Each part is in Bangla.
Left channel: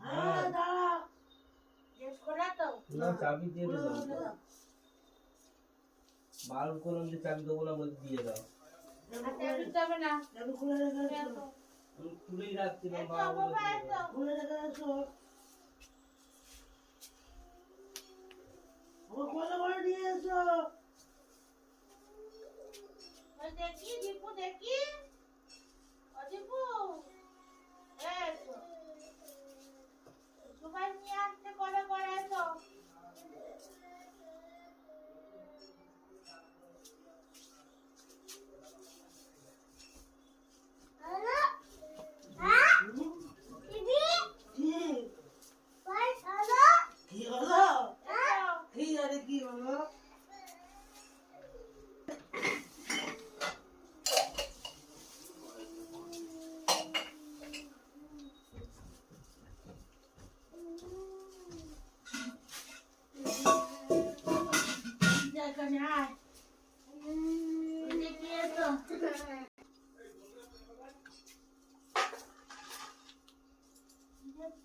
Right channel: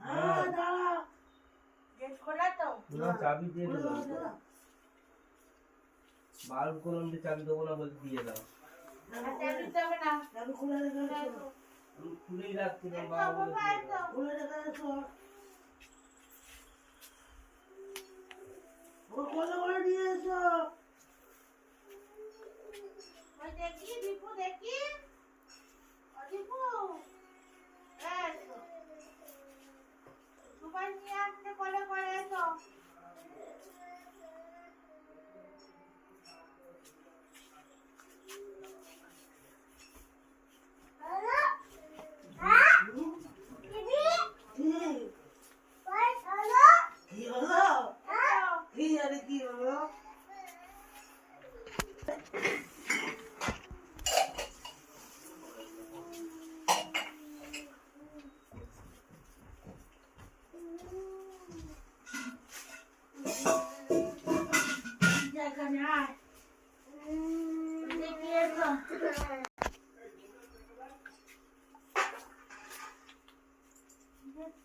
হ্যাঁ। দাও। করলাম যে চাবি দেবো না বলতে দিয়ে দাও। দিতে না। খুলে রেখে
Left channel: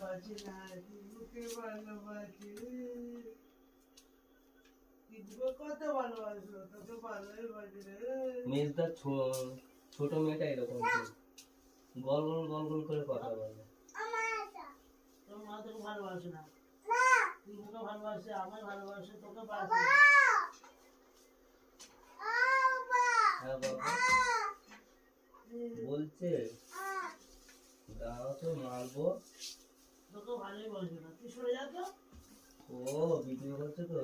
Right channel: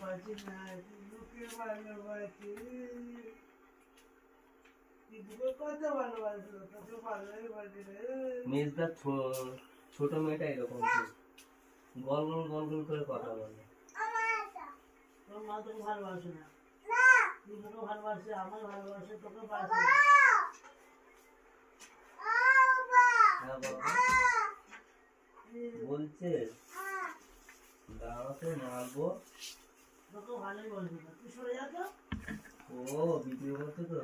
পরে না বাজে ভালোবাসি ভালোবাসো রে ছোট মেয়েটা এরকম গল গল গল গল করে কথা বলে। তোর মা ভালোবাসে না ভালোবাসে ভালোবাসে তোকে বাসে বাবা বলছে, দাঁড়াও তো, মারবো। তোকে ভালোই বলবে না। তুই সরে যা তো। ও ভিডিও করছে তো?